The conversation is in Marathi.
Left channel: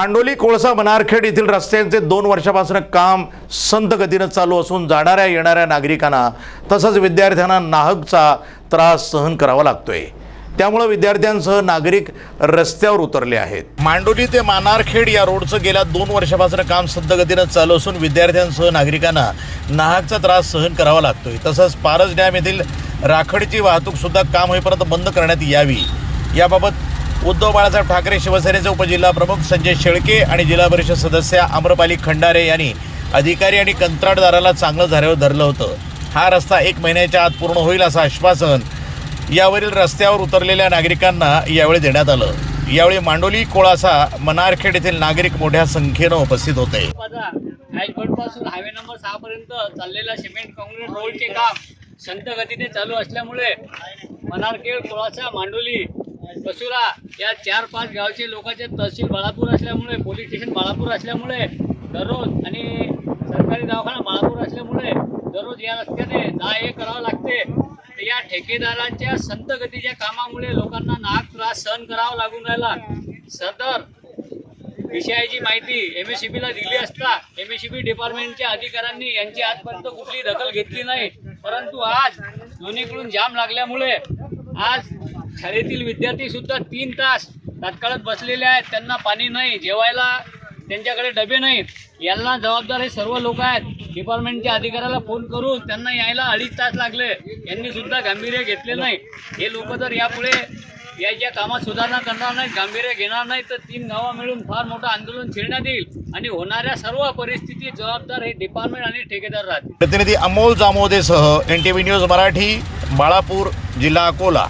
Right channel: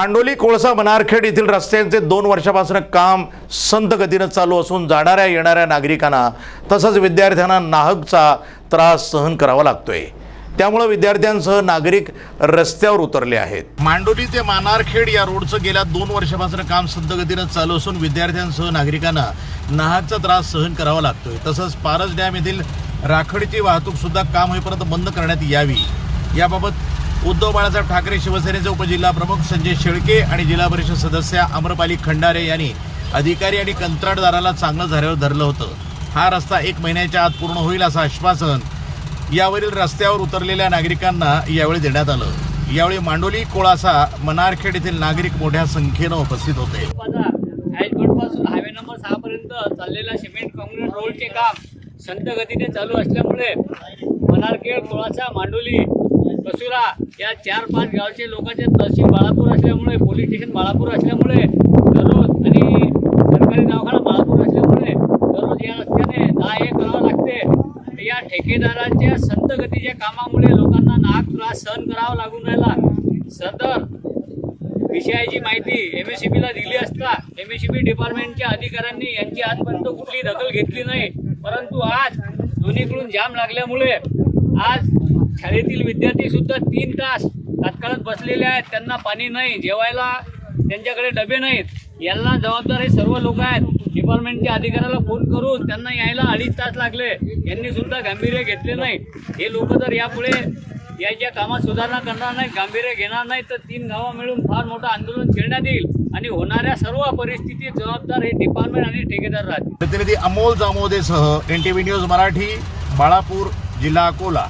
मांडोली कोळसा मनारखेड येथील रस्त्यांचे दोन वर्षापासून काम संत गतीनं चालू असून जाणाऱ्या येणाऱ्या नागरिकांना तसंच विद्यार्थ्यांना नाहकचा त्रास सहन करावा लागतोय. त्यामुळे विद्यार्थ्यांसह नागरिक रस्त्यावर उतरले आहेत. मांडोली ते मानारखेड या रोडचं गेल्या दोन वर्षापासून काम संत गतीनं चालू असून विद्यार्थ्यांसह नागरिकांना नाहकचा त्रास सहन करावा लागतोय. तसंच पारस डॅम येथील राखडची वाहतूक सुद्धा काम होईपर्यंत बंद करण्यात यावी. याबाबत उद्धव बाळासाहेब ठाकरे शिवसेनेचे उपजिल्हा प्रमुख संजय शेळके आणि जिल्हा परिषद सदस्य आम्रपाली खंडारे यांनी अधिकारी आणि कंत्राटदाराला चांगलं झाल्यावर धरलं होतं. हा रस्ता एक महिन्याच्या आत पूर्ण होईल असं आश्वासन यावरील रस्त्यावर उतरलेल्या नागरिकांना यावेळी देण्यात आलं. यावेळी मांडोली कोळासा मनारखेड येथील नागरिक मोठ्या संख्येनं उपस्थित होते. पासून हायवे नंबर सहा पर्यंत चाललेला सिमेंट काँक्रीट रोडचे काम संत गतीने चालू असल्यामुळे मनारखेड कोळासा मांडोली कसुरा या चार पाच गावचे लोकांचे तहसील बाळापूर असल्यामुळे पोलीस स्टेशन बाळापूर असल्यामुळे दररोज आणि सरकारी दवाखाना बाळापूर असल्यामुळे दररोज या रस्त्याने जा हे करावं लागते. या ठेकेदारांच्या संतगतीच्या कामामुळे लोकांना नाक त्रास सहन करावा लागून राहिला. सदर विषयाची माहिती एम एस बीला दिली असता एम एस डिपार्टमेंटच्या अधिकाऱ्यांनी यांची आजपर्यंत कुठली दखल घेतली नाही. परंतु आज दोन्हीकडून जाम लागल्यामुळे आज शाळेतील विद्यार्थी सुद्धा तीन तास तात्काळात बसलेले आहेत. त्यांना पाणी नाही जेवायला त्यांच्याकडे डबे नाहीत. यांना जबाबदार हे सर्व लोक आहेत. डिपार्टमेंटच्या अधिकाऱ्याला फोन करून त्यांना यायला अडीच तास लागले. यांनी सुद्धा गांभीर्य घेतले नाही. हे लोक जर यापुढे याच्या कामात सुधारणा करणार नाही गांभीर्य घेणार नाही तर तीन गावं मिळून फार मोठं आंदोलन छेडण्यात येईल. आणि होणाऱ्या सर्व परिस्थितीत जबाबदार हे डिपार्टमेंट आणि ठेकेदार राहतील. प्रतिनिधी Amol जामोदेसह N T V news Marathi. Balapur जिल्हा अकोला.